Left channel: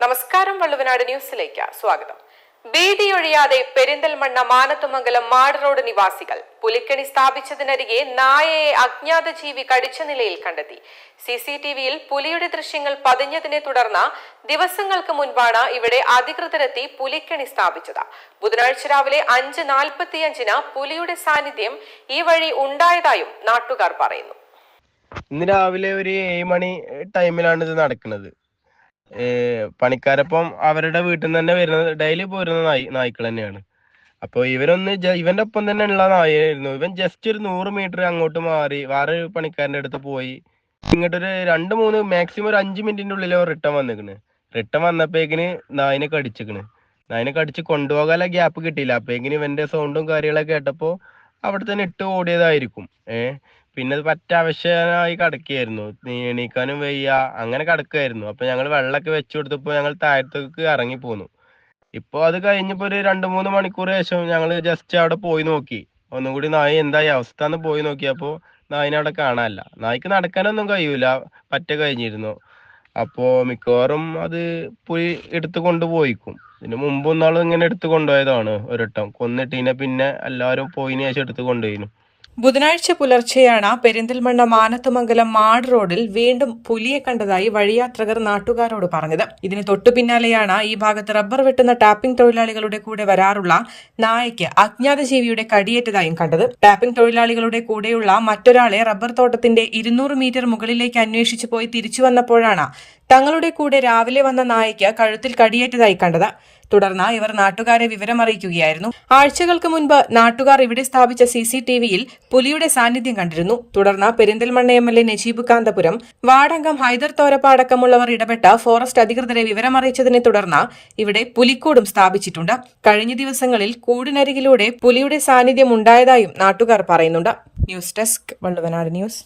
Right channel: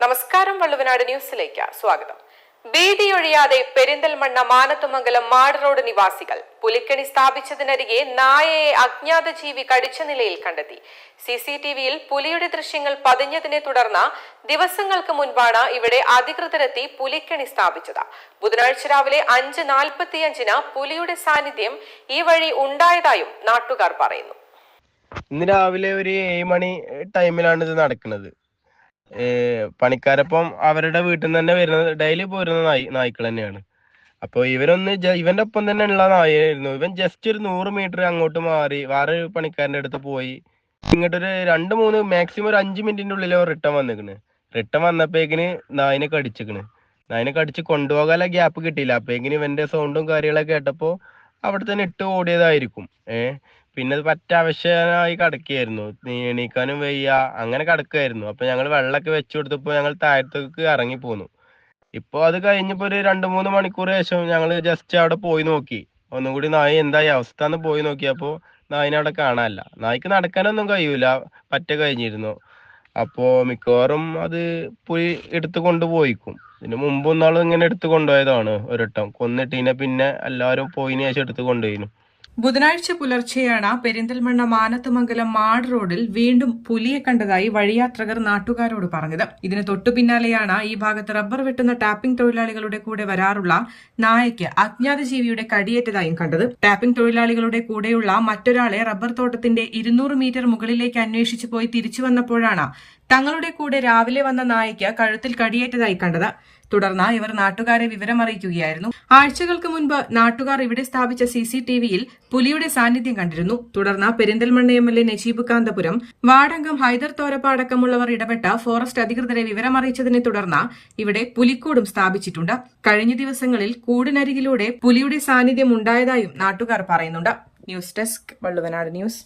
നമസ്കാരം വള്ളുവനാട് ന്യൂസിലേക്ക് സ്വാഗതം. ഭീതിയൊഴിയാതെ പെരിന്തൽമണ്ണ മാനത്തുമംഗലം മാട് റോഡ് നിവാസികൾ പുലിക്കണി സ്ഥാപിച്ചതിനരികെ നായയെ അജ്ഞാത ജീവി കടിച്ച നിലയിൽ കണ്ടെത്തി. സി സി ടി വിയിൽ പുലിയുടെ ദൃശ്യങ്ങൾ പതിഞ്ഞതിനെ തുടർന്ന് ദിവസങ്ങൾക്ക് മുൻപാണ് ഇവിടെ അധികൃതരെത്തി പുലിക്കണി സ്ഥാപിച്ചത്. ബുധനാഴ്ച രാവിലെ അഞ്ച് നാൽപ്പത്തിയഞ്ചിന് പുലിയുടെ സാന്നിധ്യം ഈ വഴി ഉണ്ടായതായും നാട്ടുകാർ പറയുന്നു. ഇന്ന് രാവിലെ ഒരു ഏഴ് മണി ടൈമിലാണ് ഇത് നടക്കുന്നത്. പണിക്കാരപ്പം അവരുടെ വീട്ടിൽ നിന്ന് തന്നെ വരുന്നത് ഡെയിലി പോരുന്ന നായി നായ്ക്കൾ തന്നെയാണ്. അപ്പോൾ ഇവരൊന്ന് ഇവന്റെ ഒപ്പം തന്നെ ഉള്ള നായായിരുന്നു. ഇവൻ ജസ്റ്റ് ഒരു നൂറ് മീറ്റർ അങ്ങോട്ട് മാറി വേറെ പണിക്കാരന്റെ അടുത്ത് പോയി. ഇങ്ങോട്ടൊരു രണ്ട് മൂന്ന് മാക്സിമം ഒരു അഞ്ച് മിനിറ്റിന്റെ ഉള്ളിൽ റിട്ടേൺ വന്നിക്കണ്. റിട്ടേൺ വന്നപ്പോഴേക്കിന് നായിനെ കടിച്ചിക്കണ്. നായിനെ കടിച്ച് കൊണ്ടുപോകാനുള്ള ഗ്യാപ്പ് കിട്ടിയില്ല. അപ്പോഴേക്കിന് ഇവന്റെ സൗണ്ടും കാര്യങ്ങളൊക്കെ കേട്ടപ്പോൾ അവിടെ തന്നെ ഇട്ട് ഓടിയതായിരിക്കും. ഏഹ് പിന്നെ അത് പറ്റ അവശനായി കിടക്കുകയായിരുന്നു എണീക്കാനും വയ്യ അങ്ങനെ കിടക്കുകയായിരുന്നു. അപ്പൊ ഞങ്ങൾ വെള്ളമൊക്കെ വെച്ചു കൊടുത്തപ്പോൾ ഞങ്ങൾ താഴത്തേക്ക് ഇറങ്ങി പോന്നു. ഇപ്പോൾ അത് കഴിഞ്ഞപ്പോൾ ഒരു രണ്ട് മൂന്ന് മണിക്കൂർ ശേഷം ഞങ്ങൾ ജസ്റ്റ് അവിടെ പോയി നോക്കി. ഒന്നും കൂടി നായ എന്തായി? അവസ്ഥ എന്ന് പോയി നോക്കിയപ്പോ നായിനെ അവിടെ കാണാനില്ല. നായ്ക്ക് നടക്കാനൊന്നും കഴിയൂല. പറ്റ കഴിഞ്ഞിരുന്നു. അപ്പോൾ മിക്കവാറും അത് പുലി എടുത്തു കൊണ്ടുപോയിക്കും ഇതിന് മുമ്പ് ഒന്നാളും ഇങ്ങനെ എടുത്തു കൊണ്ടുപോയതാണ് ഒരിട്ടം. കൊന്നിട്ടീനെ പിന്നെ എല്ലാവരും പോയിന് ശേഷം എടുത്തു കൊണ്ടുപോയിന്നു ബുധനാഴ്ച പുലർച്ചെയാണ് പെരിന്തൽമണ്ണ മാനത്തുമംഗലം മാട് റോഡിൽ വീണ്ടും പുലിയെ കണ്ടതായി വഴിയാത്രകർ നാട്ടുകാരോട് പറഞ്ഞത്. ഇതിന് തൊട്ടു പിന്നാലെയാണ് ഈ ഭാഗത്ത് റബ്ബർ വെട്ടുന്ന ടാപ്പിംഗ് തൊഴിലാളികളുടെ കൂടെ വരാറുള്ള നായയ്ക്ക് അജ്ഞാത ജീവിയുടെ കടിയേറ്റതായും കണ്ടത്. ടാപ്പിംഗ് തൊഴിലാളികളുടെ കൂടെയുള്ള മറ്റൊരാളെ റബ്ബർ തോട്ടത്തിന്റെ ഇരുന്നൂറ് മീറ്റർ മുകളിലേക്ക് അന്വേഷിച്ചു പോയി തിരിച്ചു വന്നപ്പോഴാണ് തങ്ങളുടെ കൂടെ രാവിലെ വന്ന നായയ്ക്ക് കഴുത്തിൽ കടിയേറ്റതായി കണ്ടത്. തുടർന്ന് ഇവർ നാട്ടുകാരെ വിവരമറിയിക്കുകയായിരുന്നു. ആഴ്ചകൾക്ക് മുൻപ് നാട്ടുകാർ ഇവിടെ സ്ഥാപിച്ച സി സി ടി വിയിൽ പുലിയുടെ സാന്നിധ്യം കണ്ടിരുന്നു. തുടർന്ന് Perinthalmanna M L A Najeeb Kanthapuram വാർഡംഗം Hyder Thorappa അടക്കമുള്ളവർ ഇടപെട്ട ഫോറസ്റ്റ് അധികൃതരെ വിവരമറിയിച്ചതിനെ തുടർന്ന് ഇവിടെ പുലിക്കൂടും സ്ഥാപിച്ചിട്ടുണ്ട്. കഴിഞ്ഞ ദിവസങ്ങളിൽ കൂടിനരികിലൂടെ പുലിയുടെ സാന്നിധ്യം ഉണ്ടായതായും നാട്ടുകാർ പറയുന്നുണ്ട്. News desk Valluvanad news.